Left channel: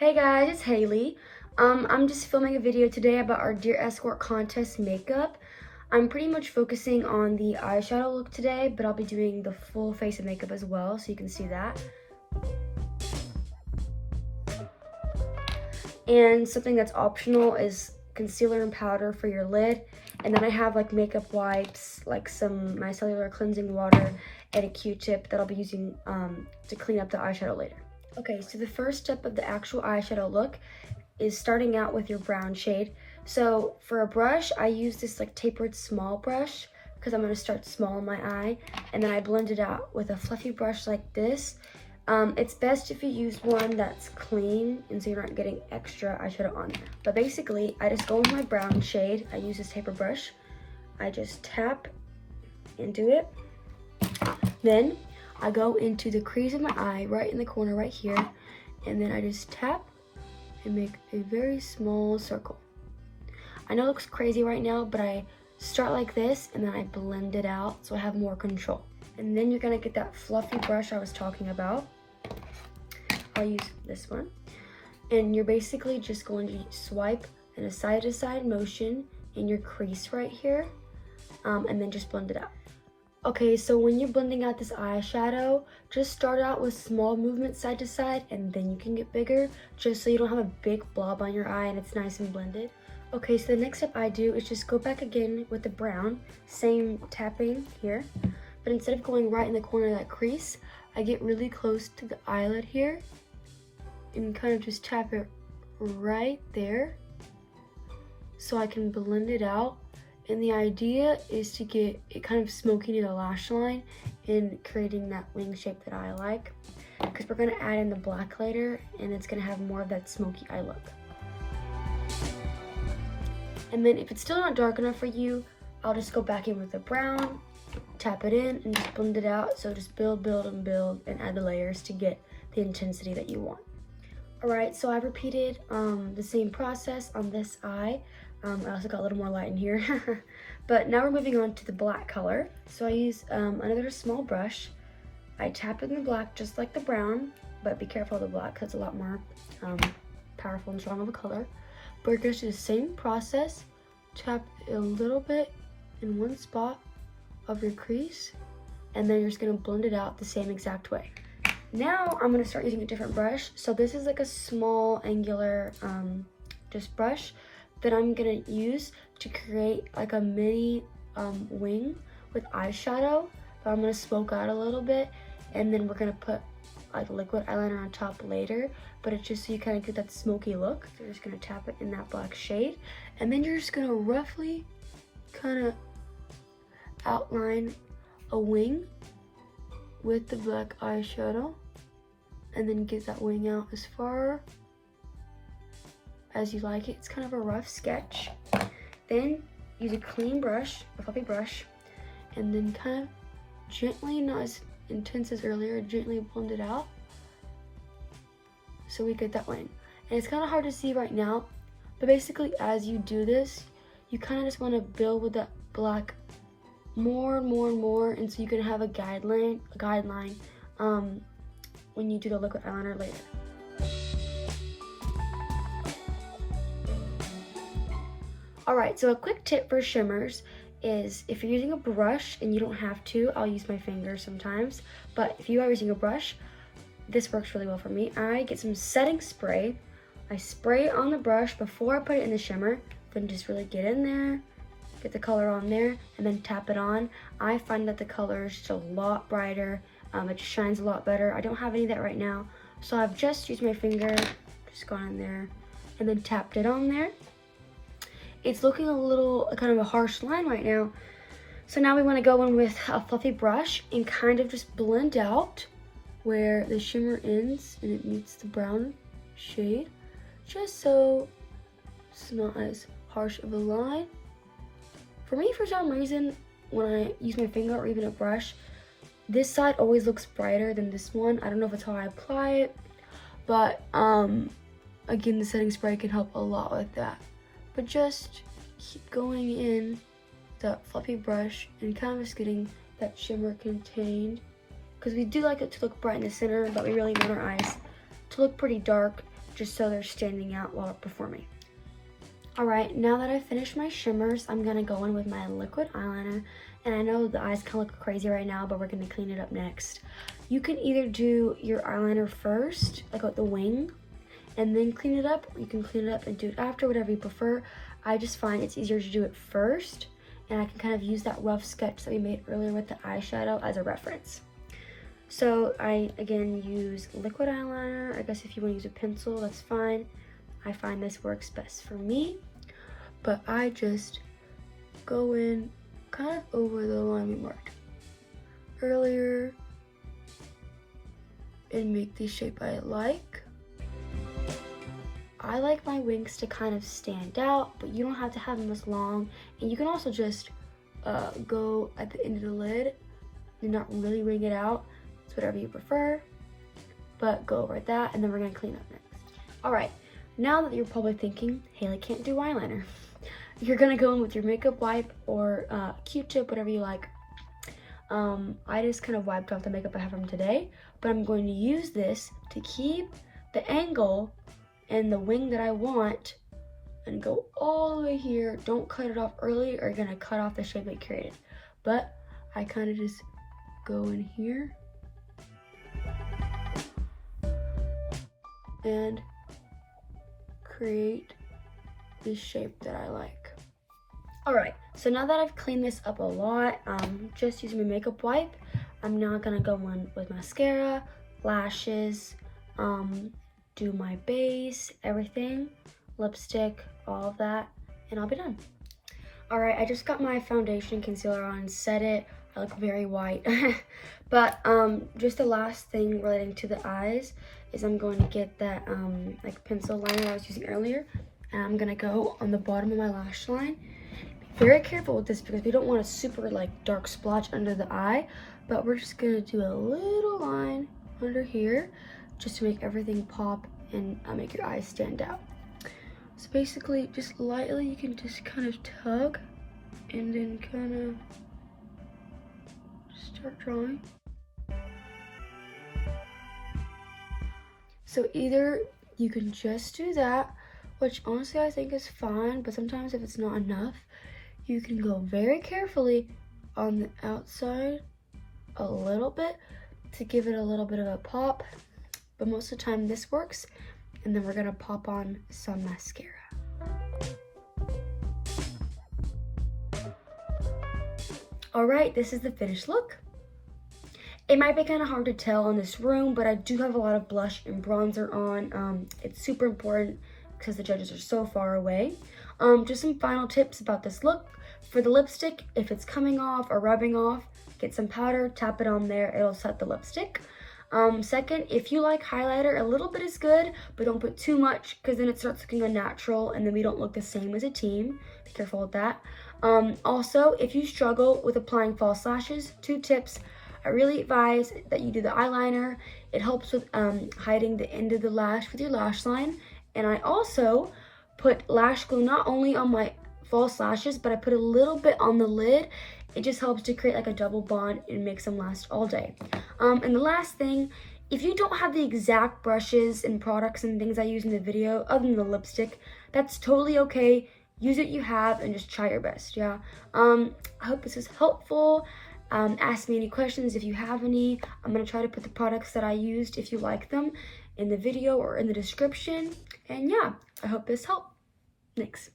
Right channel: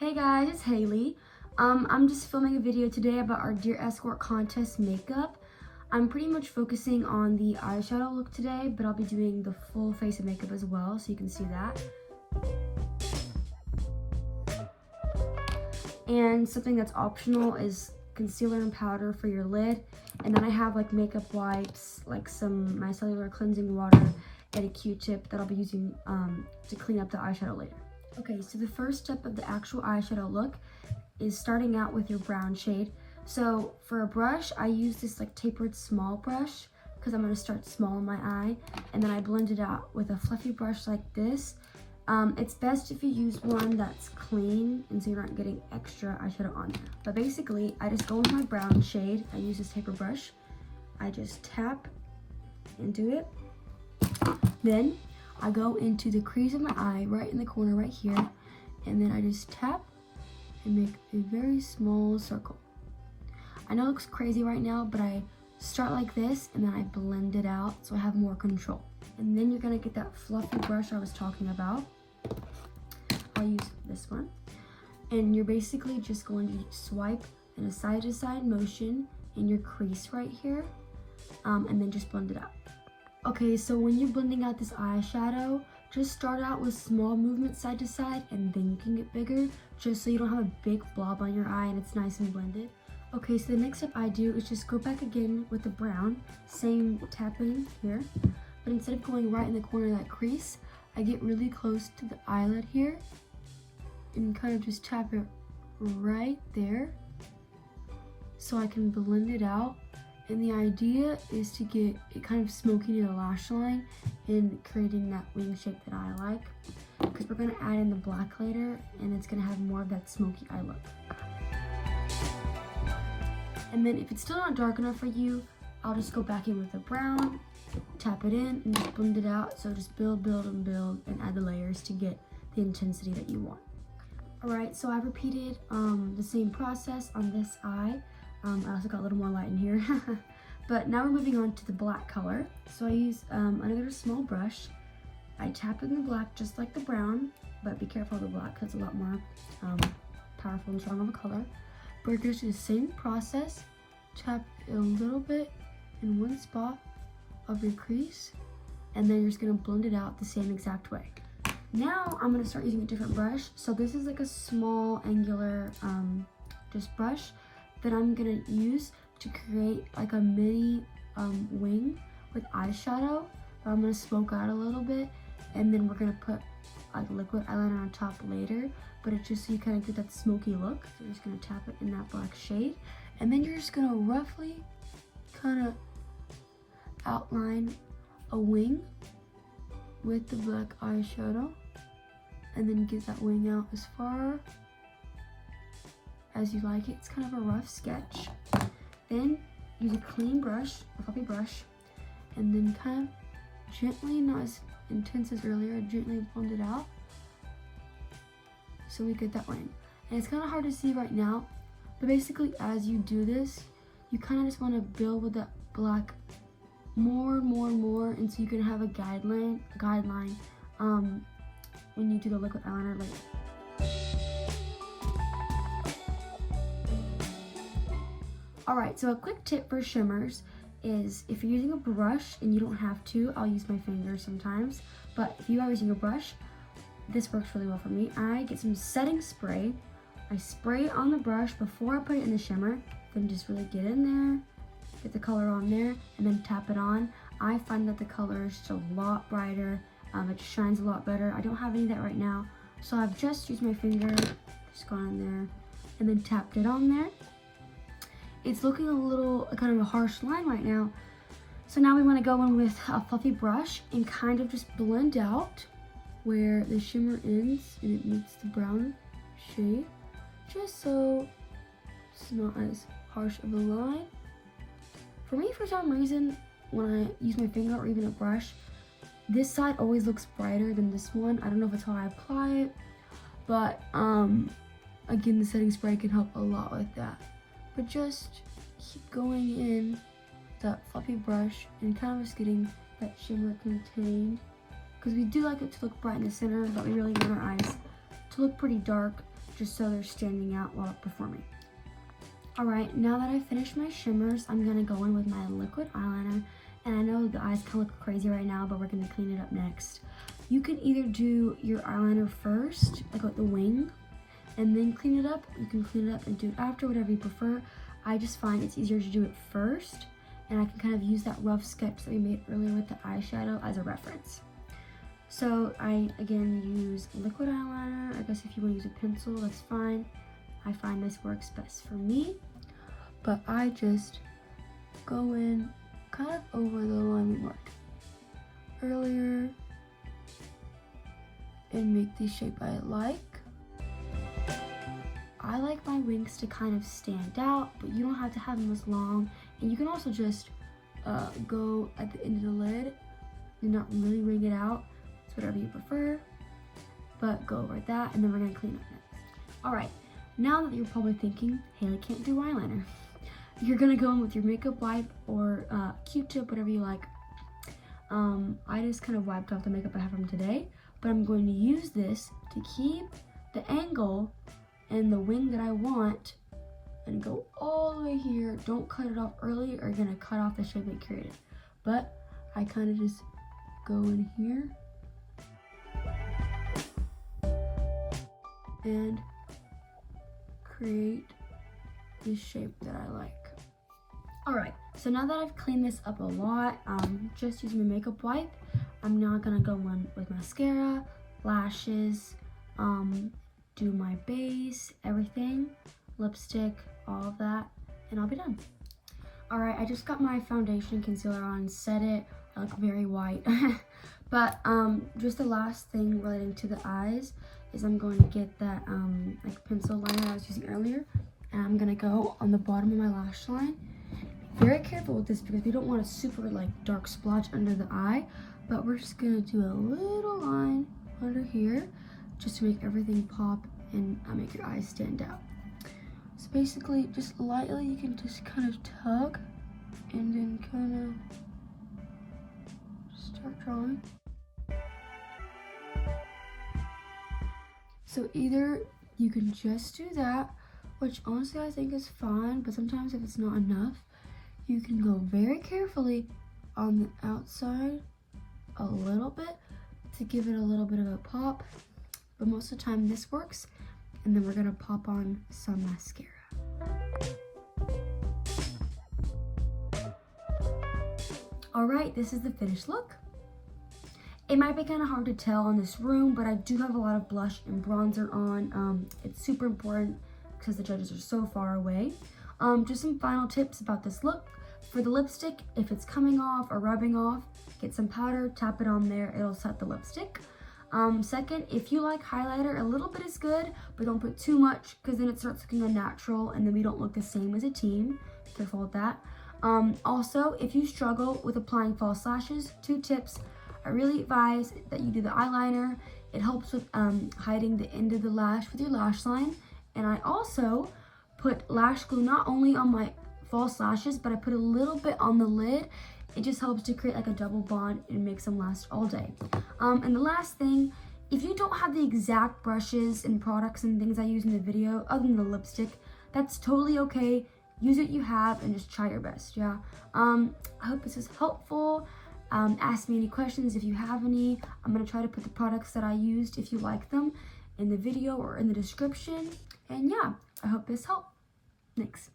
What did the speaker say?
Hey guys, it's Haley. I'm just filming a video today about our Dear Escort contest makeup. I'm pretty much focusing on the eyeshadow look today, but I'll be doing the full face of makeup as well, so you can see that. And something that's optional is concealer and powder for your lid. And then I have like makeup wipes, like some Micellar cleansing water, and a Q-tip that I'll be using to clean up the eyeshadow later. Okay, so the first step of the actual eyeshadow look is starting out with your brown shade. So for a brush, I use this like tapered small brush because I'm going to start small in my eye, and then I blend it out with a fluffy brush like this. It's best if you use one that's clean and so you're not getting extra eyeshadow on there. But basically, I just go with my brown shade. I use this taper brush. I just tap into it. Then I go into the crease of my eye, right in the corner right here, and then I just tap and make a very small circle. I know it looks crazy right now, but I start like this and then I blend it out so I have more control. And then you're gonna get that fluffy brush I was talking about. I'll use this one. And you're basically just going to swipe in a side-to-side motion in your crease right here, and then just blend it out. Okay, so when you're blending out this eyeshadow, just start out with small movements side to side, and then you can get bigger, just so you don't have a big blob on your eye and it's nice and blended. Okay, so the next step I do is just go back again with the brown, same tapping here, but instead of going right in the corner of that crease, I get really close to the eyelid here and kind of just tap it right there so I can blend it out. And the idea is to get it kind of smoky to the lash line and creating that wing shape that I like, because we're going to add in the black later and it's going to have more of that smoky eye look. And then if it's still not dark enough for you, I'll just go back in with the brown, tap it in, and just blend it out. So just build, and add the layers to get the intensity that you want. Alright, so I've repeated the same process on this eye. I also got a little more light in here. But now we're moving on to the black color. So I use another small brush. I tap in the black just like the brown, but be careful of the black because it's a lot more powerful and strong of a color. But we're just do the same process. Tap a little bit in one spot of your crease, and then you're just going to blend it out the same exact way. Now I'm going to start using a different brush. So this is like a small angular just brush that I'm gonna use to create like a mini wing with eyeshadow, but I'm gonna smoke out a little bit, and then we're gonna put like liquid eyeliner on top later, but it's just so you kind of get that smoky look. So you're just gonna tap it in that black shade, and then you're just gonna roughly kind of outline a wing with the black eyeshadow, and then get that wing out as far as you like it. It's kind of a rough sketch. Then use a clean brush, a fluffy brush, and then kind of gently, not as intense as earlier, gently blend it out so we get that wing. And it's kind of hard to see right now, but basically as you do this, you kind of just want to build with that black more and more, and so you can have a guideline when you do the liquid eyeliner later. Alright, so a quick tip for shimmers is if you're using a brush, and you don't have to, I'll use my finger sometimes, but if you are using a brush, this works really well for me. I get some setting spray, I spray it on the brush before I put it in the shimmer, then just really get in there, get the color on there, and then tap it on. I find that the color is just a lot brighter, it shines a lot better. I don't have any of that right now, so I've just used my finger, just gone in there, and then tapped it on there. It's looking a little kind of a harsh line right now. So now we want to go in with a fluffy brush and kind of just blend out where the shimmer ends and it meets the brown shade, just so it's not as harsh of a line. For me, for some reason, when I use my finger or even a brush, this side always looks brighter than this one. I don't know if it's how I apply it, but again, the setting spray can help a lot with that. But just keep going in that fluffy brush and kind of just getting that shimmer contained, because we do like it to look bright in the center, but we really want our eyes to look pretty dark just so they're standing out while performing. Alright, now that I've finished my shimmers, I'm going to go in with my liquid eyeliner. And I know the eyes kind of look crazy right now, but we're going to clean it up next. You can either do your eyeliner first, like with the wing, and then clean it up. You can clean it up and do it after, whatever you prefer. I just find it's easier to do it first, and I can kind of use that rough sketch that we made earlier with the eyeshadow as a reference. So I, again, use liquid eyeliner. I guess if you want to use a pencil, that's fine. I find this works best for me. But I just go in kind of over the line we marked earlier and make the shape I like. I like my wings to kind of stand out, but you don't have to have them this long. And you can also just go at the end of the lid and not really wring it out. It's whatever you prefer, but go over that, and then we're gonna clean up next. All right, now that you're probably thinking, Haley can't do eyeliner, you're gonna go in with your makeup wipe or Q-tip, whatever you like. I just kind of wiped off the makeup I have from today, but I'm going to use this to keep the angle and the wing that I want and go all the way here. Don't cut it off early or you're gonna cut off the shape I created. But I kind of just go in here and create this shape that I like. Alright, so now that I've cleaned this up a lot, just using my makeup wipe, I'm now gonna go in with mascara, lashes, do my base, everything, lipstick, all of that, and I'll be done. Alright, I just got my foundation concealer on, set it. I look very white. But just the last thing relating to the eyes is I'm going to get that like pencil liner I was using earlier, and I'm gonna go on the bottom of my lash line. Be very careful with this because we don't want a super like dark splotch under the eye, but we're just gonna do a little line under here just to make everything pop and make your eyes stand out. So basically, just lightly, you can just kind of tug and then kind of start drawing. So either you can just do that, which honestly I think is fine, but sometimes if it's not enough, you can go very carefully on the outside a little bit to give it a little bit of a pop, but most of the time this works. And then we're gonna pop on some mascara. All right, this is the finished look. It might be kind of hard to tell in this room, but I do have a lot of blush and bronzer on. It's super important because the judges are so far away. Just some final tips about this look. For the lipstick, if it's coming off or rubbing off, get some powder, tap it on there, it'll set the lipstick. Second, if you like highlighter, a little bit is good, but don't put too much because then it starts looking unnatural and then we don't look the same as a team. Be careful with that. Also, if you struggle with applying false lashes, 2 tips. I really advise that you do the eyeliner. It helps with hiding the end of the lash with your lash line. And I also put lash glue not only on my false lashes, but I put a little bit on the lid. It just helps to create like a double bond and makes them last all day. And the last thing, if you don't have the exact brushes and products and things I use in the video, other than the lipstick, that's totally okay. Use what you have and just try your best, yeah? I hope this is helpful. Ask me any questions if you have any. I'm gonna try to put the products that I used, if you like them, in the video or in the description. And yeah, I hope this helped. Thanks.